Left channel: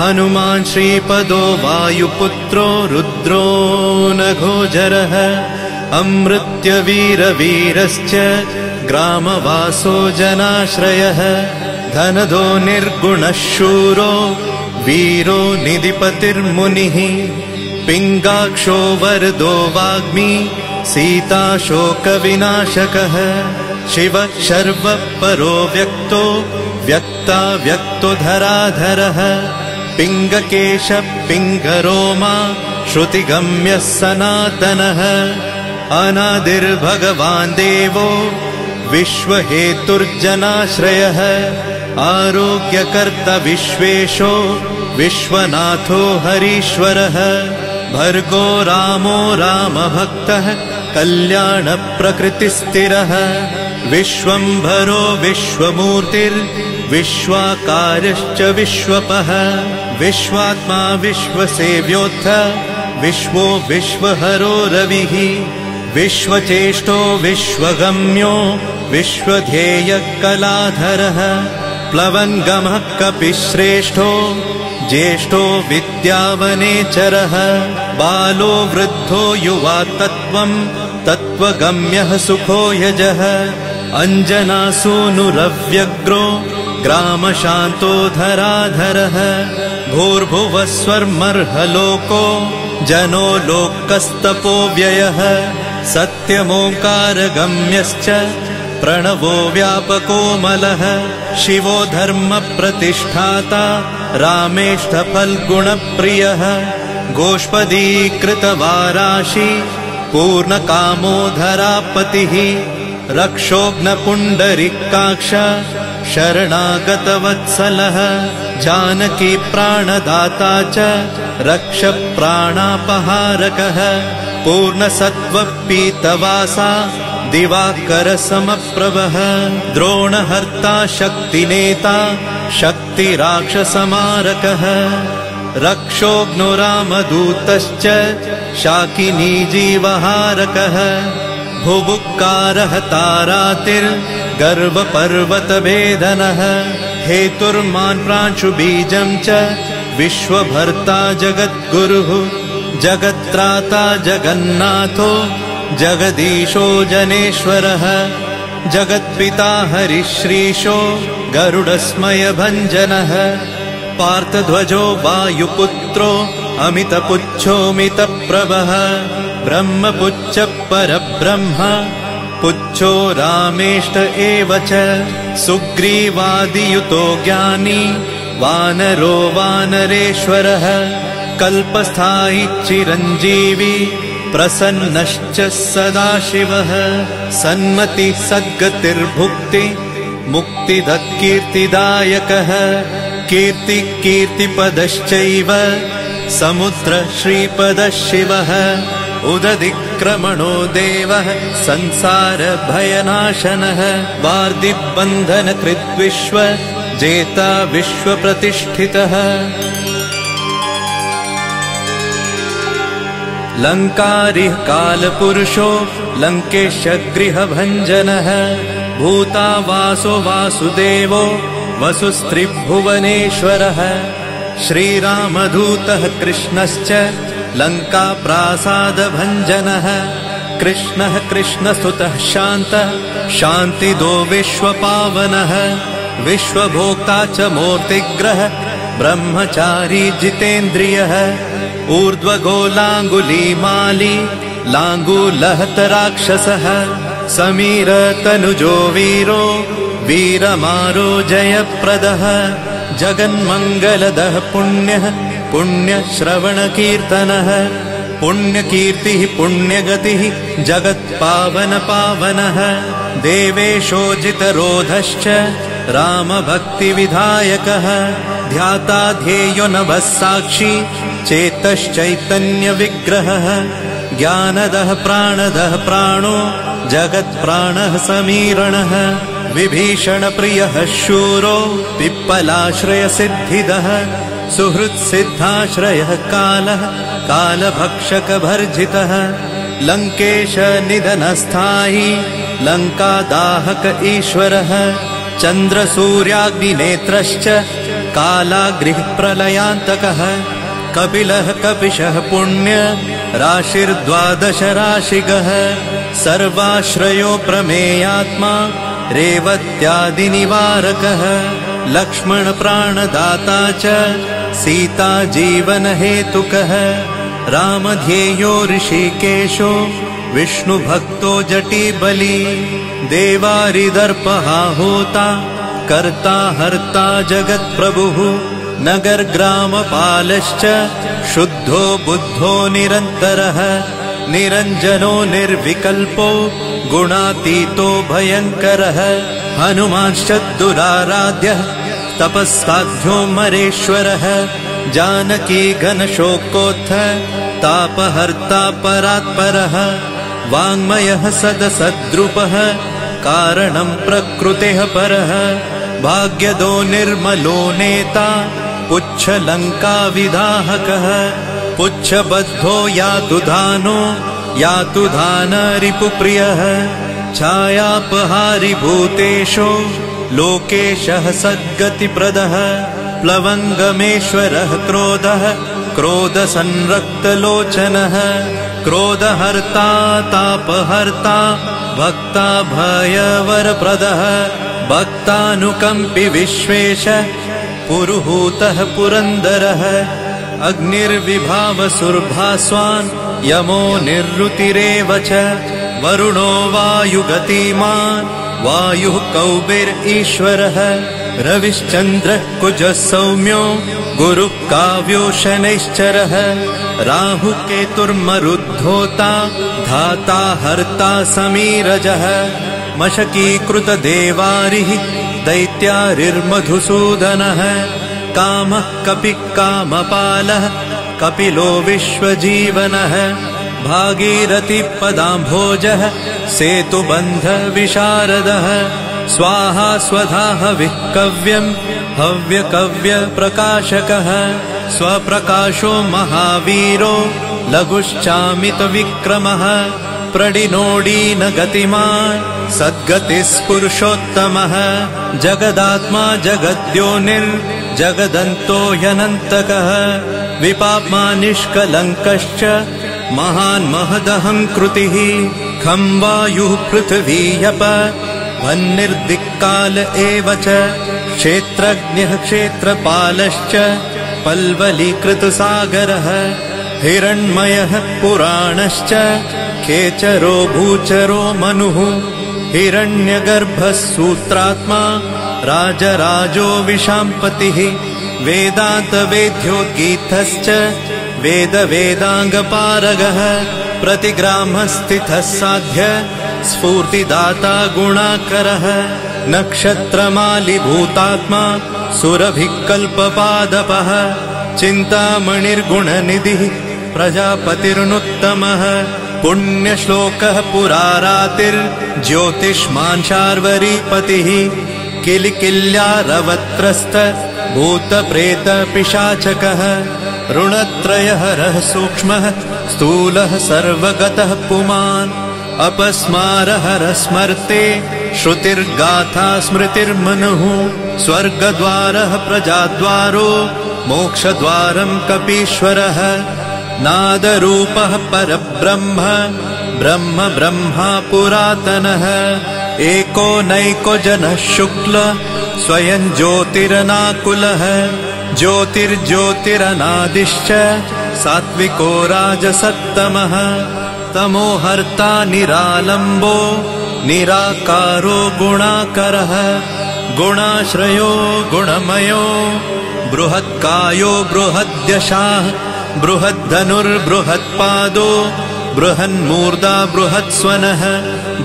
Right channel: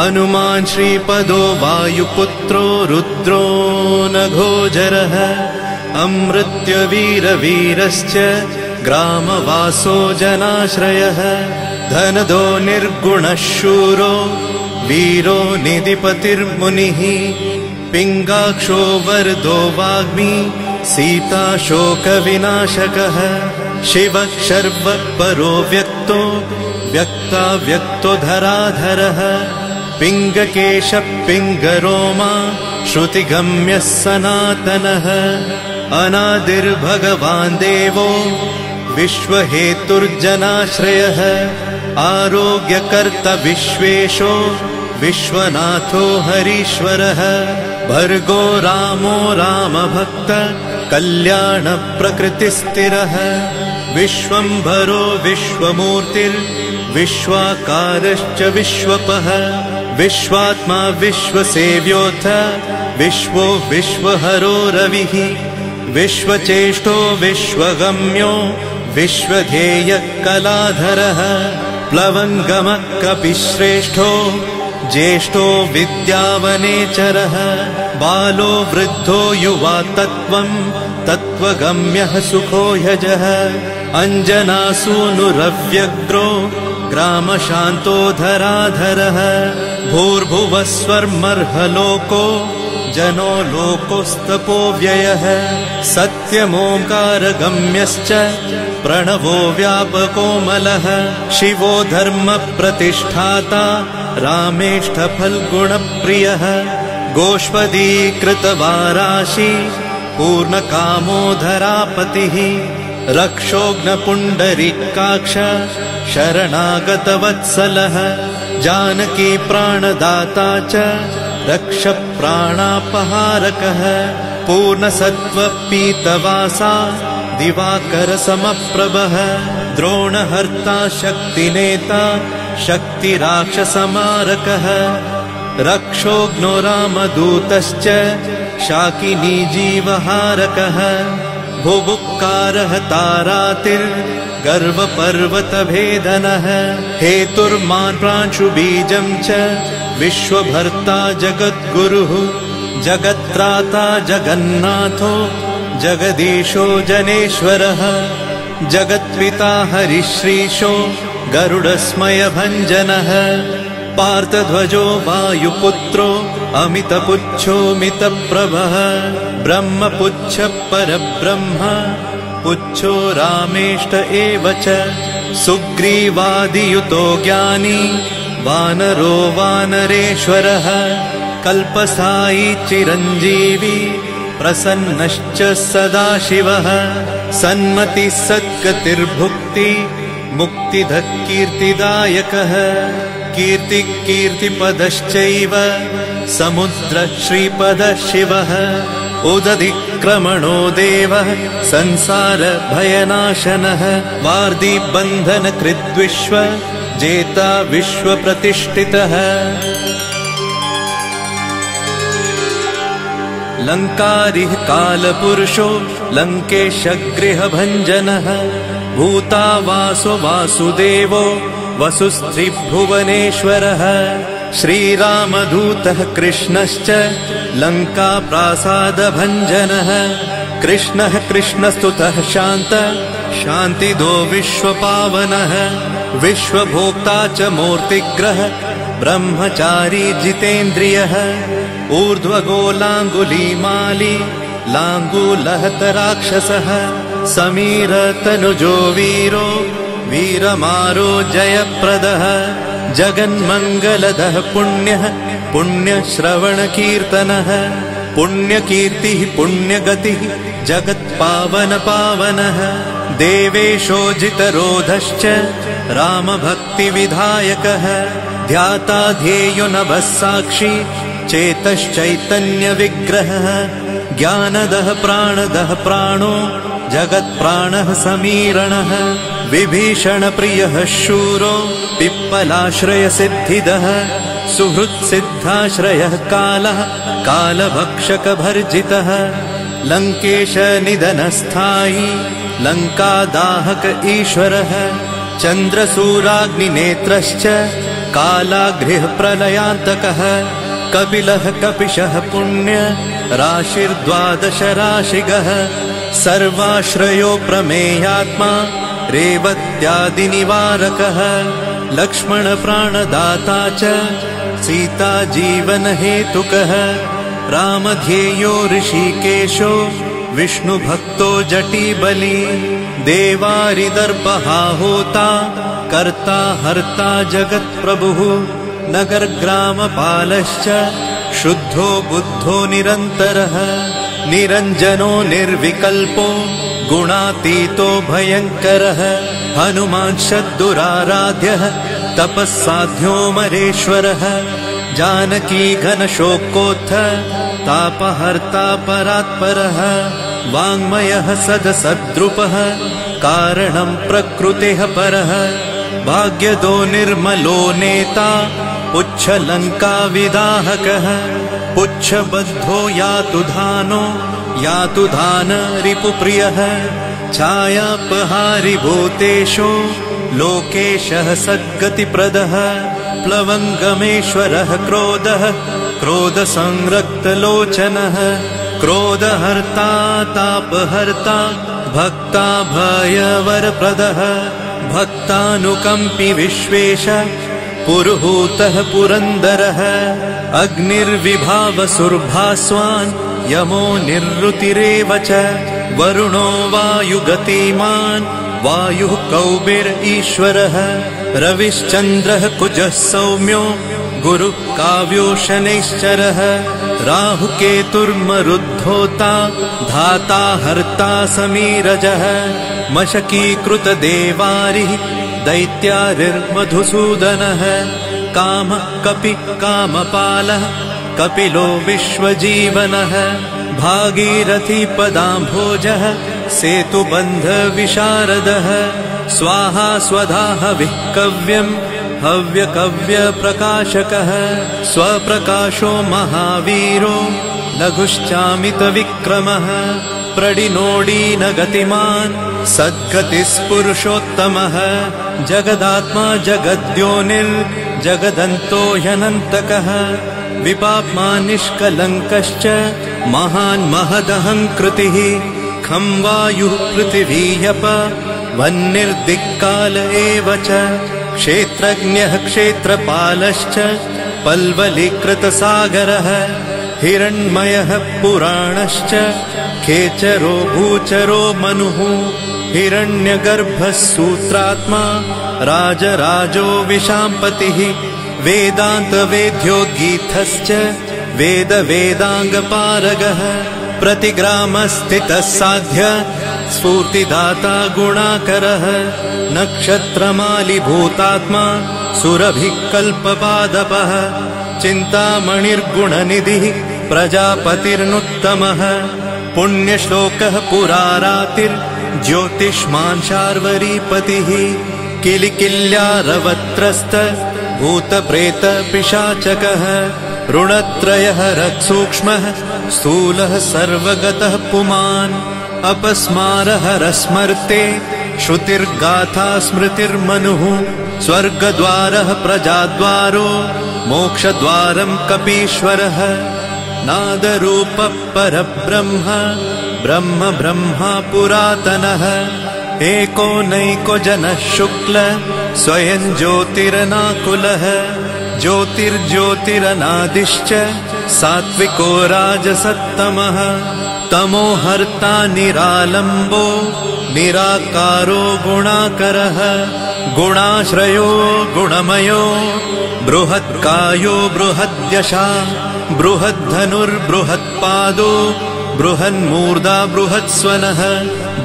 हनुमान् श्रीपदो वायुपुत्रो रुद्रो नघोजरः अमृत्यवीरवीरश्च ग्रामवासो जनाश्रयः धनदो निर्गुणः शूरो वीरो निधिपतिर्मुनिः पिङ्गाक्षो वरदो वाग्मी सीता शोकविनाशकः शिवः शर्वः परो व्यक्तो व्यक्ता व्यक्तो धराधरः पिङ्गकेशः पिङ्गरोमा श्रुतिगम्यः सनातनः अनादिर्भगवान् देवो विश्वहेतुर्जनाश्रयः आरोग्यकर्ता विश्वेशो विश्वनाथो हरीश्वरः भर्गो रामो रामभक्तः कल्याणप्रकृतिस्थिरः विश्वम्भरो विश्वमूर्तिर्विश्वाकारश्च विश्वपः विश्वात्मा विश्वसेव्योऽथ विश्वो विश्वहरो रविः विश्वचेष्टो विश्वगम्यो विश्वध्येयः कलाधरः प्लवङ्गमः कपिश्रेष्ठो ज्येष्ठो विद्यावनेचरः बालो वृद्धो युवा तत्त्वगम्यः सुखो यजः अञ्जनासूनुरव्यग्रो ग्रामशान्तो धराधरः भूर्भुवः स्वर्मर्हलोको जनो लोकस्तपो व्ययः सत्यमोकारगम्यश्च प्रणवो व्यापकोमलः शिवो धर्मप्रतिष्ठाता रामेष्ठफल्गुणप्रियः गोष्पदीकृतवाराशि पूर्णकामोधरापतिः रक्षोघ्नपुण्डरीकाक्ष शरणागतवत्सलः जानकी प्राणदाता च रक्षप्राणापहारकः पूर्णसत्त्वपीतवासा दिवाकरसमप्रभः द्रोणहर्ता शक्तिनेता शक्तिराक्षसमारकः रक्षोघ्नो रामदूतश्च शाकिनी जीवहारकः भुभुक्कारः तारातिर्गर्वपर्वतवेदनः हेतुर्मान् प्रांशुबीजम् च विश्वभर्ता जगद्गुरुः जगत्त्राता जगन्नाथो जगदीशो जनेश्वरः जगत्पिता हरिश्रीशो गरुडस्मयभञ्जनः पार्थध्वजो वायुपुत्रो अमितपुच्छोऽमितप्रभः ब्रह्मपुच्छ परब्रह्म पुच्छो रामेष्ट एव च सुग्रीवादियुतो ज्ञानी वानरो वानरेश्वरः कल्पस्थायी चिरञ्जीवी प्रसन्नश्च सदाशिवः सन्मतिः सद्गतिर्भुक्ति मुक्तिदः कीर्तिदायकः कीर्तिः कीर्तिपदश्चैव समुद्रः श्रीपदः शिवः उदधिक्रमणो देवः संसारभयनाशनः वार्धिबन्धनकृद्विश्व जेता विश्वप्रतिष्ठितः लङ्कारिः कालपुरुषो लङ्केशगृहभञ्जनः भूतावासो वासुदेवो वसुस्त्रिभुवनेश्वरः श्रीरामदूतः कृष्णश्च लङ्काप्रासादभञ्जनः कृष्णः कृष्णस्तुतः शान्तः शान्तिदो विश्वपावनः विश्वभोक्ता च मूर्तिग्रह ब्रह्मचारी जितेन्द्रियः ऊर्ध्वगोलाङ्गुलीमाली लाङ्गूलहतराक्षसः समीरतनुजो वीरो वीरमारो जयप्रदः जगन्मङ्गलदः पुण्यः पुण्यश्रवणकीर्तनः पुण्यकीर्तिः पुण्यगतिः जगत्पावनपावनः देवेशोजितरोधश्च रामभक्तिविधायकः ध्याता ध्येयो नभः साक्षी चेतश्चैतन्यविग्रहः ज्ञानदः प्राणदः प्राणो जगत्प्राणः समीरणः विभीषणप्रियः शूरो पिप्पलाश्रयसिद्धिदः सुहृत्सिद्धाश्रयः कालः कालभक्षकभर्जितः लङ्केशनिधनस्थायी लङ्कादाहक ईश्वरः चन्द्रसूर्याग्निनेत्रश्च कालाग्निः प्रलयान्तकः कपिलः कपिशः पुण्य राशिर्द्वादश राशिगः सर्वाश्रयो प्रमेयात्मा रेवत्यादिनिवारकः लक्ष्मण प्राणदाता च सीता जीवन हेतुकः रामध्येयो ऋषिकेशो विष्णुभक्तो जटिबली देवारिदर्पहा होता कर्ता हर्ता जगत्प्रभुः नगरग्रामपालश्च शुद्धो बुद्धो निरन्तरः निरञ्जनो निर्विकल्पो गुणातीतो भयङ्करः हनुमान्शद्दुराराध्यः तपस्साध्यो मरेश्वरः जानकी घनशोकोत्थ तापहर्ता परात्परः वाङ्मयः सदसद्रुपः कारणं प्रकृतेः परः भाग्यदो निर्मलो नेता पुच्छलङ्का विदाहकः पुच्छबद्धो यातु धान रिपुप्रियः छायापहारि भूतेषु लोकेशः सद्गतिप्रदः प्लवङ्गमेश्वरः क्रोधसंरक्तलोचनः क्रोधहर्ता तापहर्ता भक्ता भयवरप्रदः भक्तानुकम्पि विश्वेश पुरुहूतः पुरन्दरः अग्निर्विभावसुर्भास्वान् यमो निरृतिरेव च वरुणो वायुगतिमान् वायुः कौबिर्ईश्वरः रविश्चन्द्रः कुजः सौम्यो गुरुः काव्यो शनैश्चरः राहुकेतुर्मरुद्धोता धाता हर्ता समीरजः मशकीकृतदेवारिः दैत्यारिर्मधुसूदनः कामः कपिः कामपालः कपिलो विश्वजीवनः भागीरथीपदाम्भोजः सेतुबन्धविशारदः स्वाहा स्वधा हविः कव्यम् हव्यकव्यप्रकाशकः स्वप्रकाशो महावीरो लघुश्चामितविक्रमः प्रडिनोडीन गतिमान् सद्गतिस्पुरुषोत्तमः जगदात्मा जगद्योनिर्जगदन्तो ह्यनन्तकः विपाप्मा निष्कलङ्कश्च महान् महदहङ्कृतिः खं वायुः पृथिवीयप वह्निर्दिक्काल एव च क्षेत्रज्ञः क्षेत्रपालश्च पल्वलीकृतसागरः हिरण्मयः पुराणश्च खेचरो भूचरो मनुः हिरण्यगर्भः सूत्रात्मा राजराजो विशाम्पतिः वेदान्तवेद्योद्गीतश्च वेदाङ्गपारगः प्रतिग्रामस्थितः साध्य स्फूर्तिदाता गुणाकरः नक्षत्रमालिभूतात्मा सुरभिः कल्पपादपः चिन्तामणिर्गुणनिधिः प्रजापतिर्नुत्तमः पुण्यश्लोकः पुरारातिर्ज्योतिष्मान् शार्वरीपतिः किलिकिल्यारवत्रस्त भूतप्रेतपिशाचकः ऋणत्रयहरः सूक्ष्मः स्थूलः सर्वगतः पुमान् अपस्मारहरः स्मर्ते श्रुतिर्गाथा स्मृतिर्मनुः स्वर्गद्वारः प्रजाद्वारो मोक्षद्वारम् कपीश्वरः नादरूपः परब्रह्म ब्रह्मा पुरातनः एको नैको जनः शुक्ल स्वयं ज्योतिरनाकुलः ज्योतिर्ज्योतिरनादिश्च सात्विको राजसत्तमः तमोहर्ता निरालम्बो निराकारो गुणाकरः गुणाश्रयो गुणमयो बृहत्कायो बृहद्यशाः बृहद्धनुर्बृहत्पादो बृहन्मूर्धा बृहत्स्वनः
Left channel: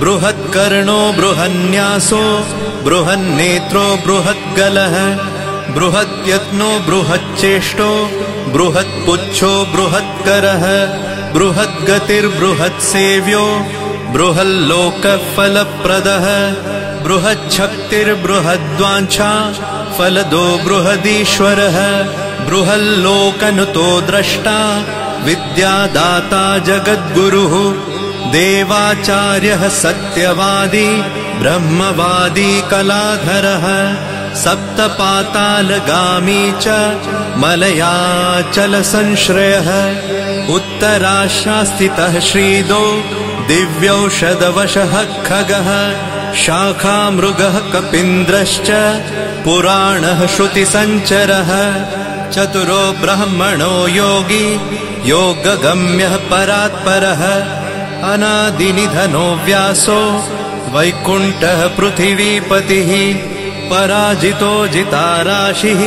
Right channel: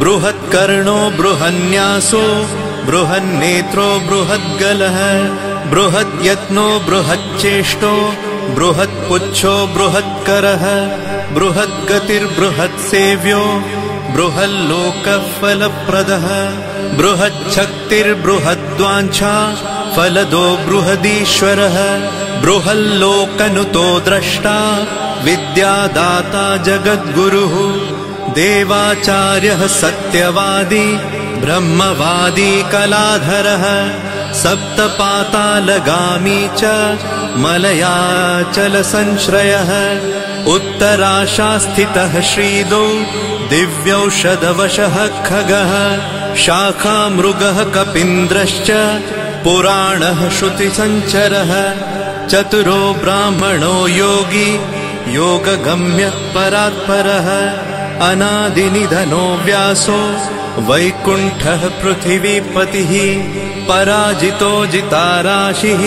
बृहत्कर्णो बृहन्न्यासो बृहन्नेत्रो बृहद्गलः बृहद्यत्नो बृहच्चेष्टो बृहत्पुच्छो बृहत्करः बृहद्गतिर्बृहत्सेव्यो बृहल्लोकफलप्रदः बृहच्छक्तिर्बृहद्वाञ्छा फलदो बृहदीश्वरः बृहल्लोकनुतो द्रष्टा विद्यादाता जगद्गुरुः देवाचार्यः सत्यवादी ब्रह्मवादी कलाधरः सप्तपातालगामी च मलयाचल संश्रयः उत्तराशास्थितः श्रीदो दिव्यौषधवशः खगः शाखामृगः कपीन्द्रश्च पुराणः श्रुतिसञ्चरः चतुरो ब्राह्मणो योगी योगगम्यः परात्परः अनादिनिधनो व्यासो वैकुण्ठः पृथिवीपतिः पराजितो जिताराशिः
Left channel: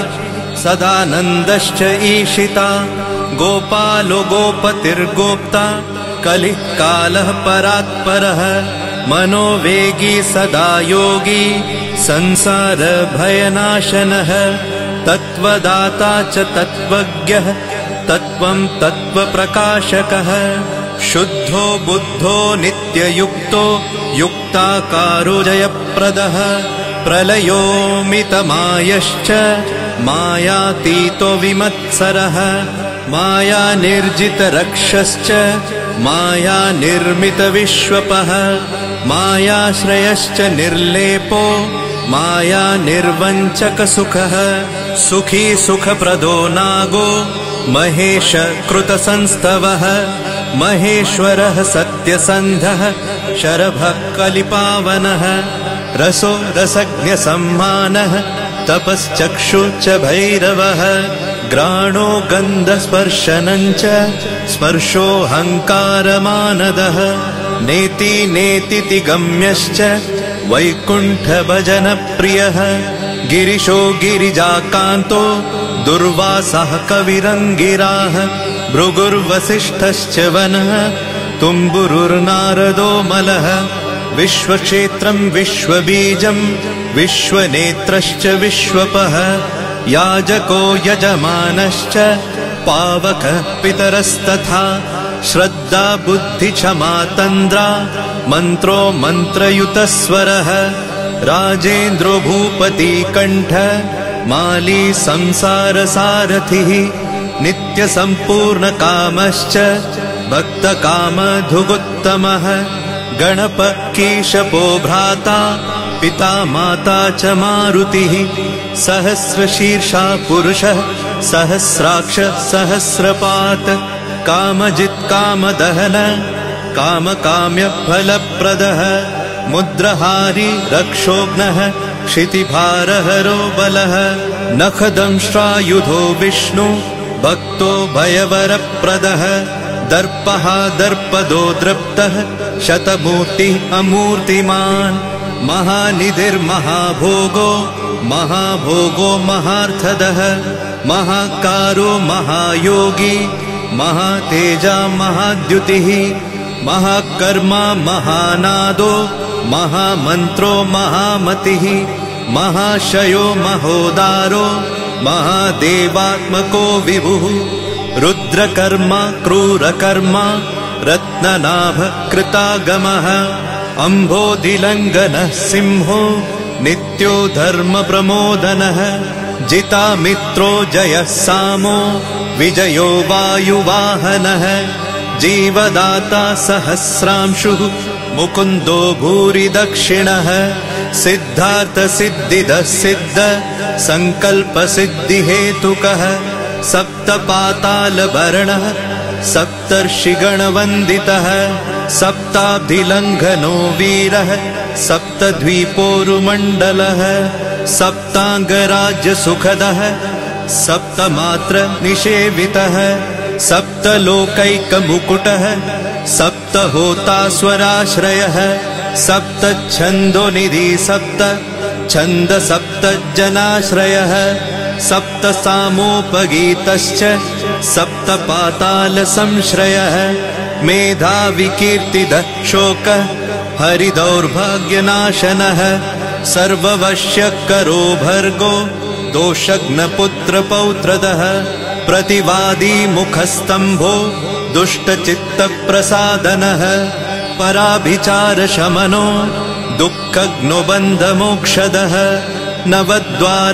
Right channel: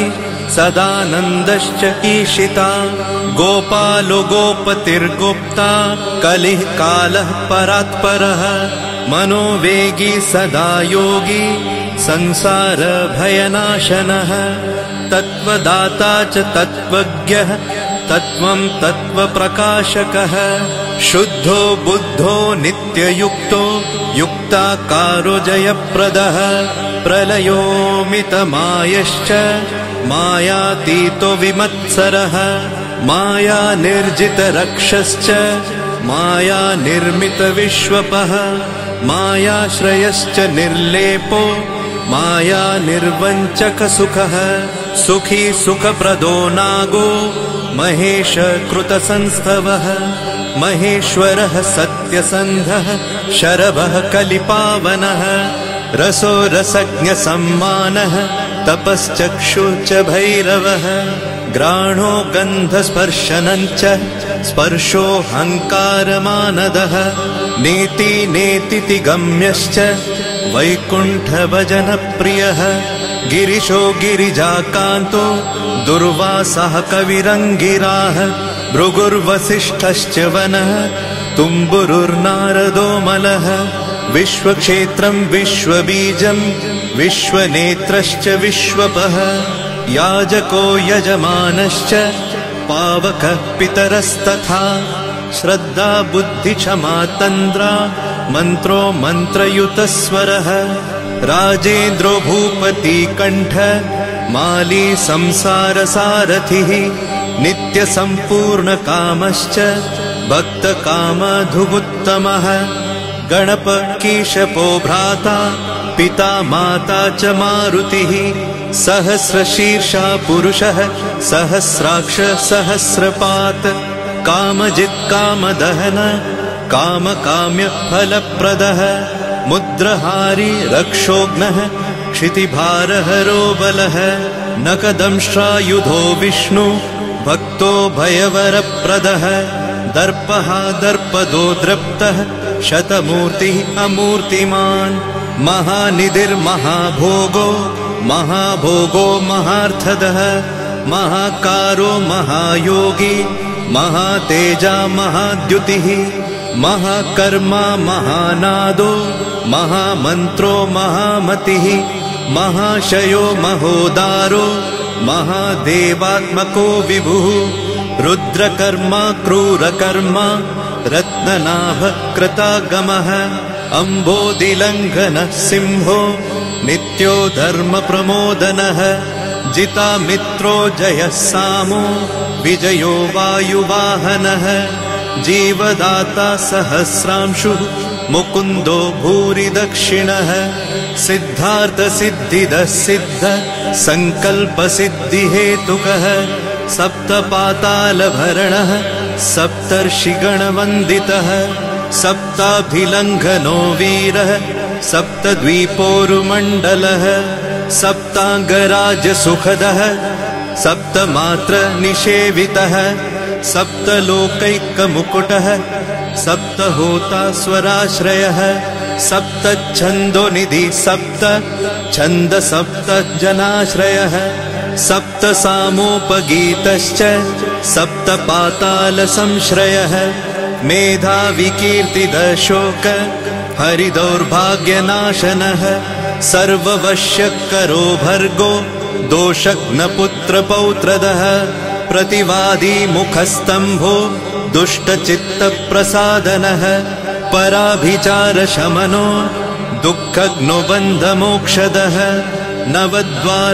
सदानन्दश्च ईशिता गोपालो गोपतिर्गोप्ता कलिः कालः परात्परः मनोवेगी सदा योगी संसार भयनाशनः तत्त्वदाता च तत्त्वज्ञः तत्त्वं तत्त्वप्रकाशकः शुद्धो बुद्धो नित्ययुक्तो युक्ताकारो जयप्रदः प्रलयोमितमायश्च मायातीतो विमत्सरः माया निर्जितरक्षश्च माया निर्मितविश्वपः मायाश्रयश्च निर्लेपो माया निर्वञ्चकसुखः सुखी सुखप्रदो नागो महेश कृतसंस्तवः महेश्वरः सत्यसन्धः शरभः कलिपावनः रसो रसज्ञसम्मानः तपश्चक्षुश्च भैरवः घ्राणो गन्धस्पर्शनञ्च स्पर्शोऽहङ्कारमानदः नेति नेतिति गम्यश्च वैकुण्ठभजनप्रियः गिरिशो गिरिजाकान्तो दुर्वासः कविरङ्गिराः भृगुर्वसिष्ठश्च वनः तुम्बुरुर्नारदो मलः विश्वक्षेत्रम् विश्वबीजम् विश्वनेत्रश्च विश्वपः याजको यजमानश्च पावकः पितरस्तथा श्रद्धा बुद्धि क्षमा तन्द्रा मन्त्रो मन्त्रयुतस्वरः राजेन्द्रो भूपति कण्ठ माली संसारसारथिः नित्यसम्पूर्णकामश्च भक्तकामधुगुत्तमः गणपकीशपो भ्राता पिता माता च मारुतिः सहस्रशीर्षा पुरुषः सहस्राक्ष सहस्रपात् कामजित् कामदहन कामकाम्य फलप्रदः मुद्रहारी रक्षोघ्नः क्षितिभारहरो बलः नखदंष्ट्रायुधो विष्णु भक्तो भयवरप्रदः दर्पः दर्पदो दृप्तः शतमूर्तिः अमूर्तिमान् महानिधिर्महाभोगो महाभोगो महार्थदः महाकारो महायोगी महातेजा महाद्युतिः महाकर्मा महानादो महामन्त्रो महामतिः महाशयो महोदारो महादेवात्मको विभुः रुद्रकर्मा क्रूरकर्मा रत्ननाभकृतागमः अम्भोधिलङ्घनः सिंहो नित्यो धर्मप्रमोदनः जितामित्रो जयः सामो विजयो वायुवाहनः जीवदाता सहस्रांशुः मुकुन्दो भूरि दक्षिणः सिद्धार्थसिद्धिदः सिद्ध सङ्कल्पसिद्धिहेतुकः सप्तपातालभरणः सप्तर्षिगणवन्दितः सप्ताभिलङ्घनो वीरः सप्तद्वीपोरुमण्डलः सप्ताङ्गराजसुखदः सप्तमात्र निषेवितः सप्तलोकैकमुकुटः सप्तहोतास्वराश्रयः सप्तच्छन्दोनिधि सप्त छन्द सप्तजनाश्रयः सप्तसामोपगीतश्च सप्तपातालसंश्रयः मेधाविकीर्तिदः शोक हरिदौर्भाग्यनाशनः सर्ववश्यकरो भर्गो दोषघ्नपुत्रपौत्रदः प्रतिवादी मुखस्तम्भो दुष्टचित्तप्रसादनः पराभिचारशमनो दुःखघ्नुबन्धमोक्षदः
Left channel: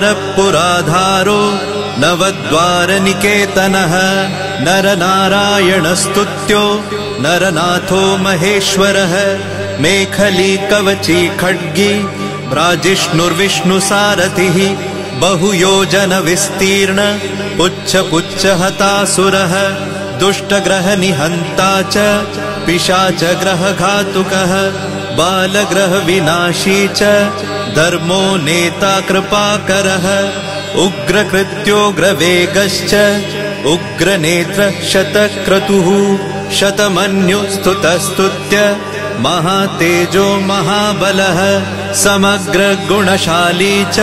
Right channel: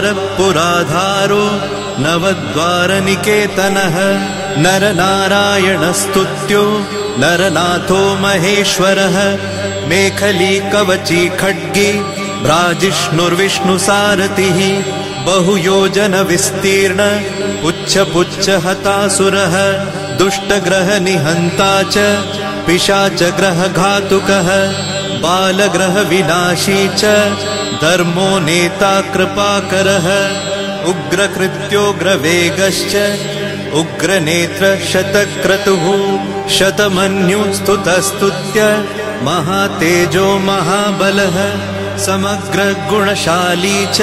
नवद्वारपुराधारो नवद्वारनिकेतनः नरनारायणस्तुत्यो नरनाथो महेश्वरः मेखली कवची खड्गी भ्राजिष्णुर्विष्णुसारथिः बहुयोजन विस्तीर्ण पुच्छ पुच्छ हतासुरः दुष्टग्रहनिहन्ता च पिशाचग्रहघातुकः बालग्रहविनाशी च धर्मो नेता कृपाकरः उग्रकृत्योग्रवेगश्च उग्रनेत्र शतक्रतुः शतमन्युस्तुतस्तुत्य महातेजो महाबलः समग्रगुणशाली च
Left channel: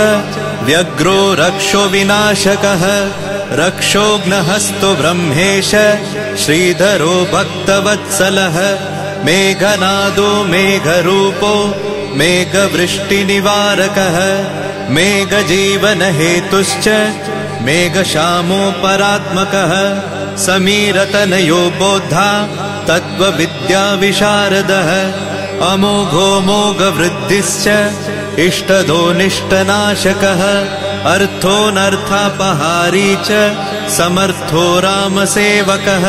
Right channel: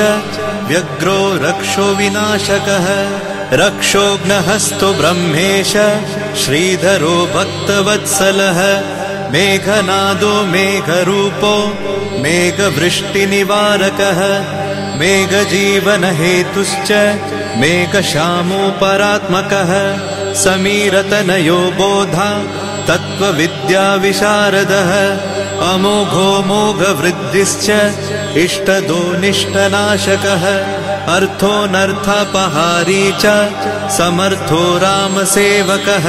व्यग्रो रक्षो विनाशकः रक्षोघ्नहस्तु ब्रह्मेश श्रीधरो भक्तवत्सलः मेघनादो मेघरूपो मेघवृष्टिनिवारकः मेघजीवनहेतुश्च मेघश्यामो परात्मकः समीरतनयो बोधा तत्त्वविद्याविशारदः अमोघो मोघवृद्धिश्च इष्टदो निष्टनाशकः अर्थोऽनर्थापहारी च समर्थो रामसेवकः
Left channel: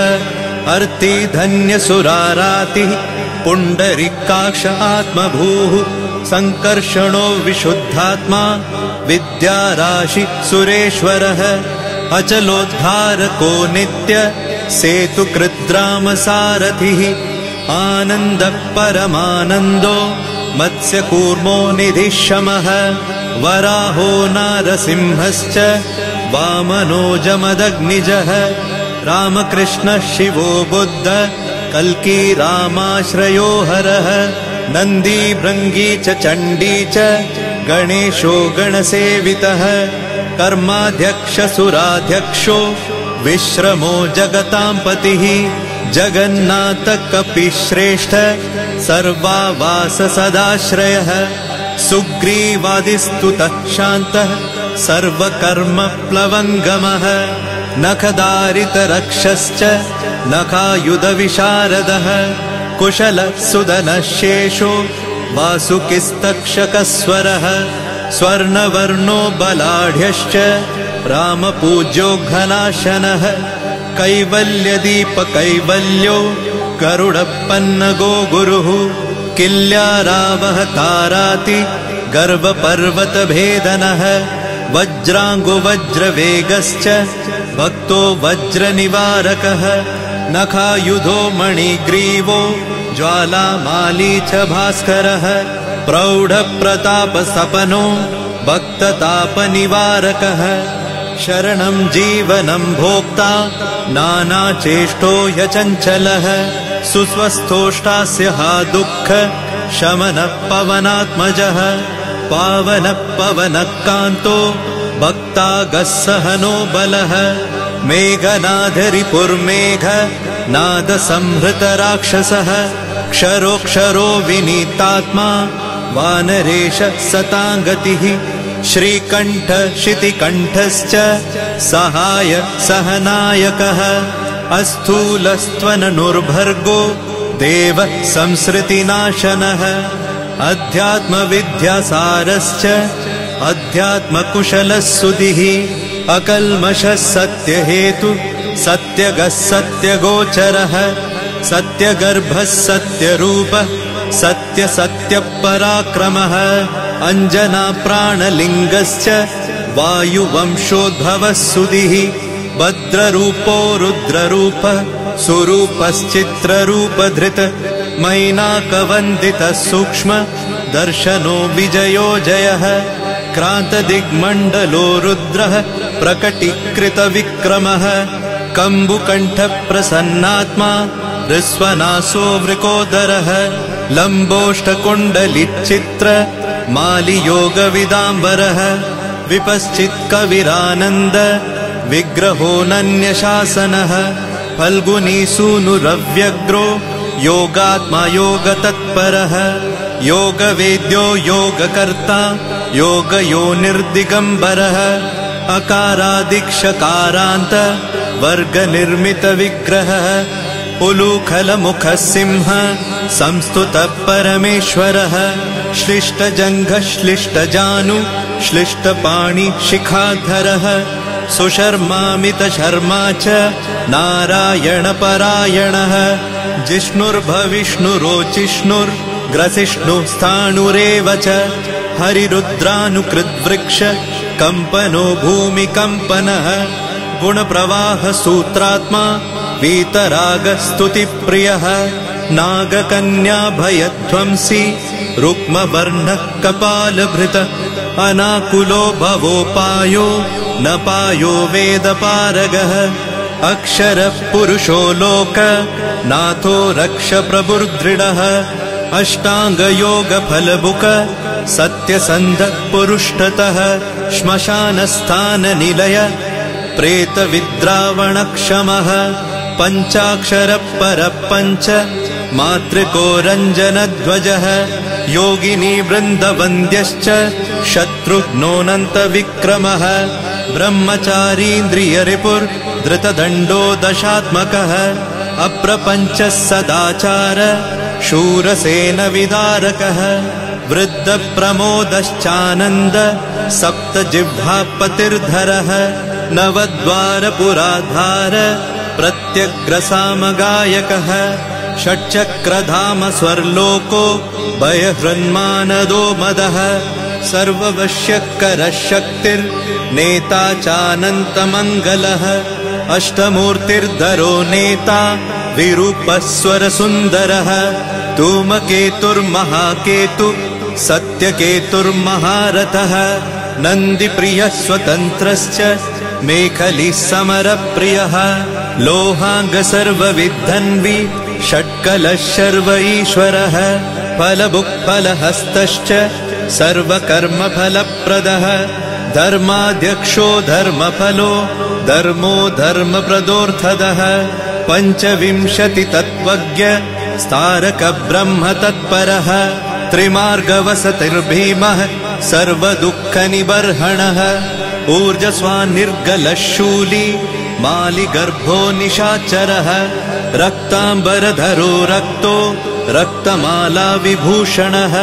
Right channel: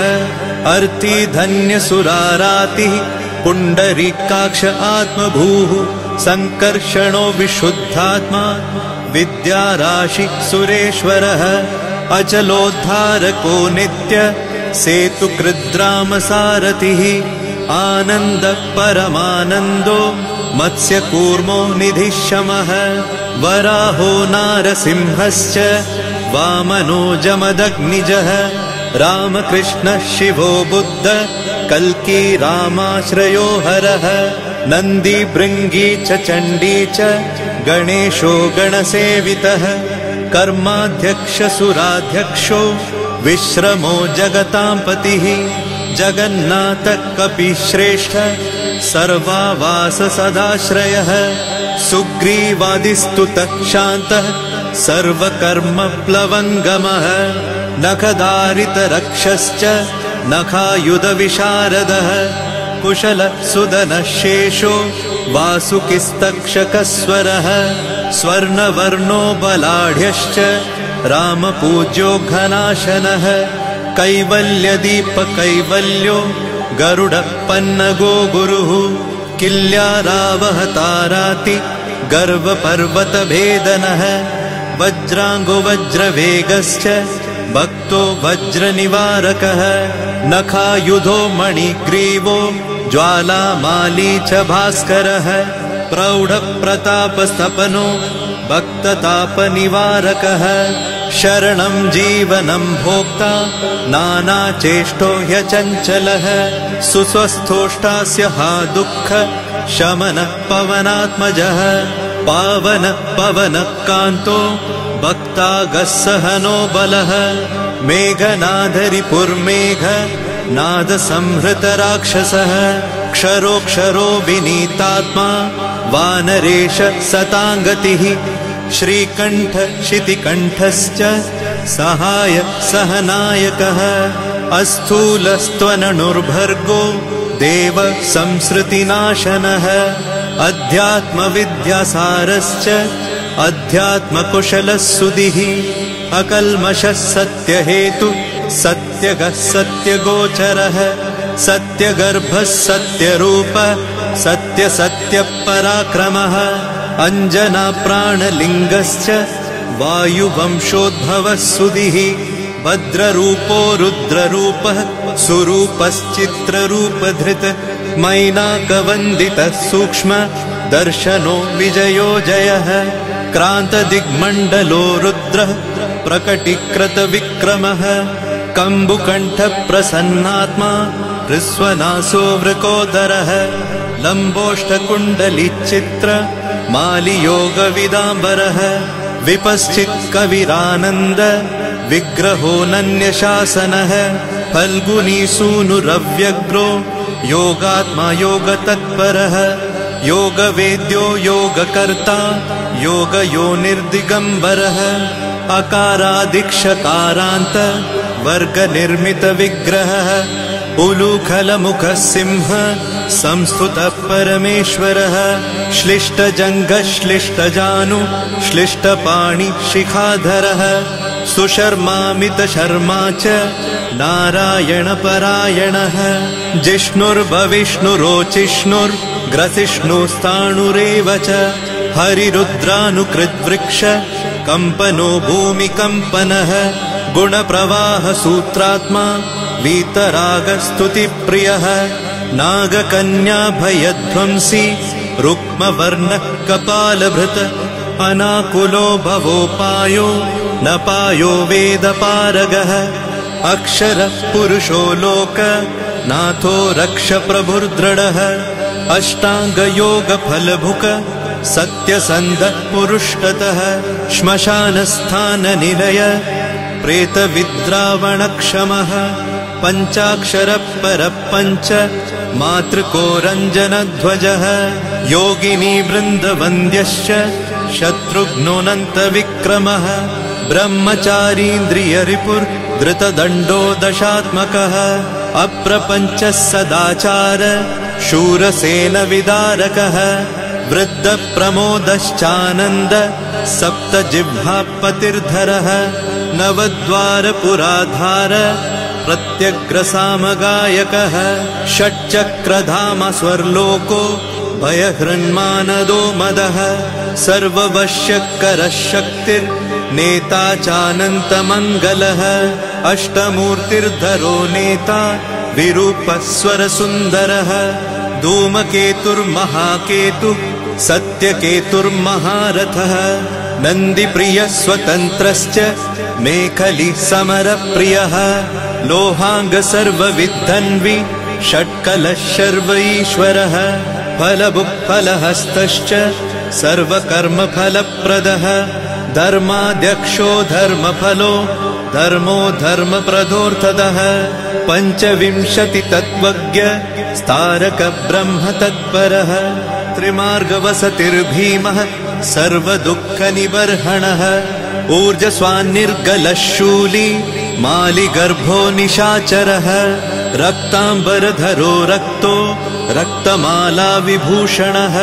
अर्ति धन्यसुरारातिः पुण्डरीकाक्ष आत्मभूः संकर्षणो विशुद्धात्मा विद्याराशि सुरेश्वरः अचलोद्धारको नित्य सेतुकृद्रामसारथिः आनन्द परमानन्दो मत्स्यकूर्मो निधिशमः वराहो नारसिंहश्च वामनो जमदग्निजः रामकृष्णः शिवो बुद्ध कल्की रामाश्रयो हरः नन्दी भृङ्गी च चण्डी च गणेशो गणसेवितः कर्माध्यक्ष सुराध्यक्षो विश्रमो जगतां पतिः जगन्नाथ कपिश्रेष्ठ सर्वावास सदाश्रयः सुग्रीवादिस्तुतः शान्तः सर्वकर्मप्लवङ्गमः नखदारितरक्षश्च नखायुधविशारदः कुशलः सुदनः शेषो वासुकिस्तक्षकस्वरः स्वर्णवर्णो बलाढ्यश्च रामपूज्यो घनाशनः कैवल्यदीपकैवल्यो गरुडपन्नगो गुरुः किल्यारावहताराति गर्वपर्वतभेदनः वज्राङ्गो वज्रवेगश्च भक्तो वज्रनिवारकः नखायुधो मणिग्रीवो ज्वालामाली च भास्करः प्रौढप्रतापस्तपनो भक्ततापनिवारकः शरणं जीवनं भोक्ता नानाचेष्टो ह्यचञ्चलः सुस्वस्थोष्टास्य हा दुःख शमनः पवनात्मजः पावनः पवनः कान्तो भक्तागः सहनो बलः मेघनादरिपुर्मेघ नादसंहृतराक्षसः क्षरोक्षरो विनीतात्मा वानरेश सताङ्गतिः श्रीकण्ठ श्रीकण्ठश्च सहाय सहनायकः अस्थूलस्त्वननुर्भर्गो देव संसृतिनाशनः अध्यात्मविद्यासारश्च अध्यात्मकुशलः सुधिः अकल्मषः सत्यहेतु सत्यगः सत्यगोचरः सत्यगर्भः सत्यरूपः सत्यसत्यपराक्रमः अञ्जनाप्राणलिङ्गश्च वायुवंशोद्भवः सुधिः भद्ररूपो रुद्ररूपः सुरूपश्चित्ररूपधृत् मैनाकवन्दितः सूक्ष्म दर्शनो विजयो जयः क्रान्तदिग्मण्डलो रुद्रः प्रकटीकृतविक्रमः कम्बुकण्ठप्रसन्नात्मा हृस्वनासो वृकोदरः लम्बोष्टकुण्डलिचित्र मालियोगविदाम्बरः विपश्चित्कविरानन्द विग्रहोऽनन्यशासनः फल्गुनीसूनुरव्यग्रो योगात्मा योगतत्परः योगवेद्यो योगकर्ता योगयोनिर्दिगम्बरः अकारादिक्षकारान्त वर्गनिर्मितविग्रहः उलूखलमुखः सिंह संस्तुतः परमेश्वरः श्लिष्टजङ्घः श्लिष्टजानु श्लिष्टपाणि शिखाधरः सुशर्मामितशर्मा च नारायणपरायणः जिष्णुर्भविष्णुरोचिष्णुर् ग्रसिष्णुस्थाणुरेव च हरिरुद्रानुकृद्वृक्ष कम्पनो भूमिकम्पनः गुणप्रवाह सूत्रात्मा वीतरागस्तुतिप्रियः नागकन्या भयध्वंसी रुक्मवर्णः कपालभृत अनाकुलो भवोपायो न पायो वेदपारगः अक्षरः पुरुषो लोक नाथो रक्ष प्रभुर्दृढः अष्टाङ्गयोगफलभुक सत्यसन्धः पुरुष्टतः श्मशानस्थाननिलय प्रेतविद्रावणक्षमः पञ्चाक्षरः परः पञ्च मातृको रञ्जनध्वजः योगिनी वृन्दवन्द्यश्च शत्रुघ्नोऽनन्तविक्रमः ब्रह्मचारीन्द्रियरिपुर्धृतदण्डो दशात्मकः अप्रपञ्चः सदाचार शूरसेनविदारकः वृद्धप्रमोदश्चानन्द सप्तजिह्वापतिर्धरः नवद्वारपुराधार प्रत्यग्रसामगायकः षट्चक्रधाम स्वर्लोको भयहृन्मानदो मदः सर्ववश्यकरः शक्तिर्नेता चानन्तमङ्गलः अष्टमूर्तिर्धरो नेता विरूपस्वरसुन्दरः धूमकेतुर्महाकेतु सत्यकेतुर्महारथः नन्दिप्रियः स्वतन्त्रश्च मेखली समरप्रियः लोहाङ्ग सर्वविद्धन्वि षट्कलः शर्व ईश्वरः फलभुक्फलहस्तश्च सर्वकर्मफलप्रदः धर्माध्यक्षो धर्मफलो धर्मो धर्मप्रदोऽर्थदः पञ्चविंशतितत्त्वज्ञ स्तारक ब्रह्म तत्परः त्रिमार्गवसतिर्भीमः सर्वदुःखनिबर्हणः ऊर्जस्वान्निर्गलः शूली मालिगर्भो निशाचरः रक्ताम्बरधरो रक्तो रक्तमाला विभूषणः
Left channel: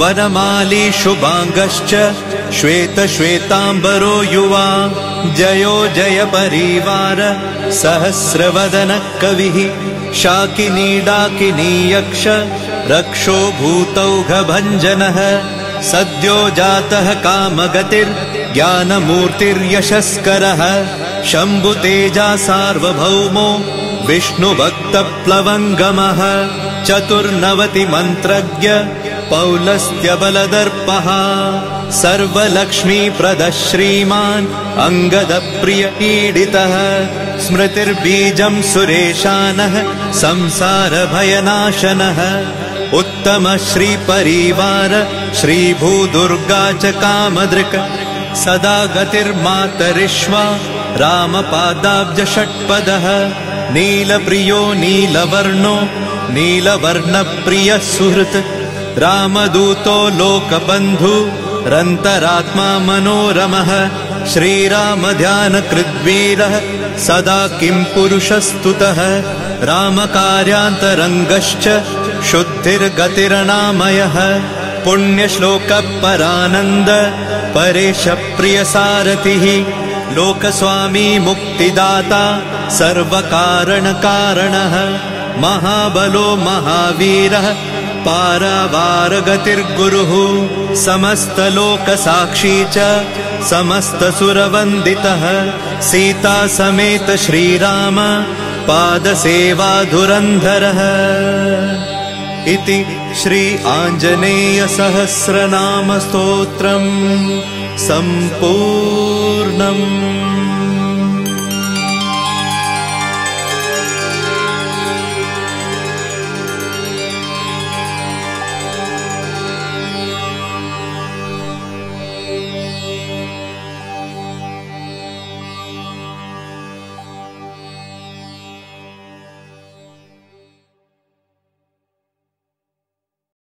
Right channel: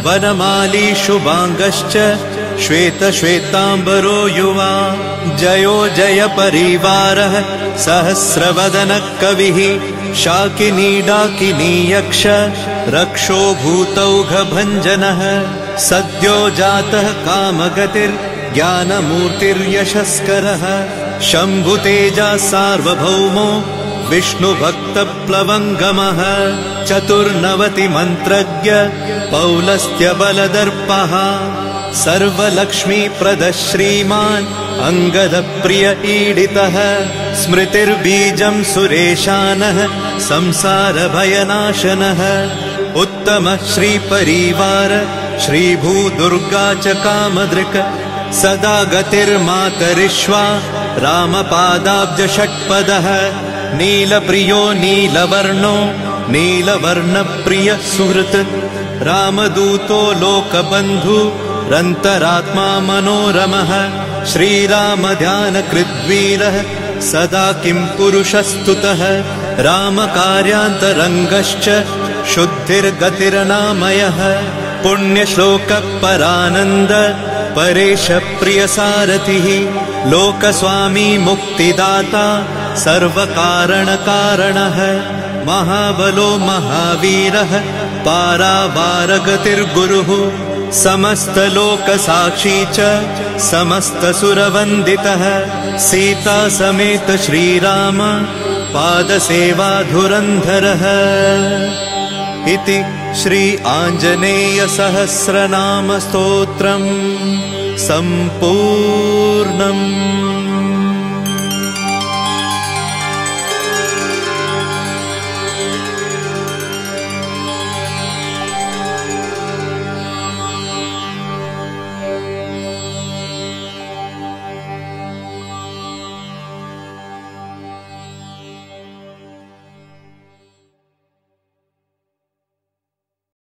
वरमाली शुभाङ्गश्च श्वेतश्वेताम्बरो युवा जयो जय परिवारः सहस्रवदनः कविः शाकिनी डाकिनी यक्ष रक्षो भूतौघभञ्जनः सद्यो जातः कामगतिर्ज्ञानमूर्तिर्यशस्करः शम्भुतेजा सार्वभौमो विष्णुभक्तप्लवङ्गमः चतुर्नवतिमन्त्रज्ञ पौलस्त्यबलदर्पः सर्वलक्ष्मीप्रदः श्रीमान् अङ्गदप्रिय ईडितः स्मृतिर्बीजम् सुरेशानः संसारभयनाशनः उत्तमः श्रीपरिवार श्रीभूदुर्गा च कामदृक् सदा गतिर्मातरिष्वा रामपादाब्जषट्पदः नीलप्रियो नीलवर्णो नीलवर्णप्रियः सुहृत् रामदूतो लोकबन्धु रन्तरात्मा मनोरमः श्रीरामध्यानकृद्वीरः सदा किं पुरुषस्तुतः रामकार्यान्तरङ्गश्च शुद्धिर्गतिरनामयः पुण्यश्लोकपरानन्द परेश प्रियसारथिः लोकस्वामी मुक्तिदाता सर्वकारणकारणः महाबलो महावीरः पारावारगतिर्गुरुः समस्तलोकसाक्षी च समस्तसुरवन्दितः सीता समेत श्रीराम पादसेवाधुरन्धरः इति श्री आञ्जनेय सहस्रनाम स्तोत्रम् सम्पूर्णम्।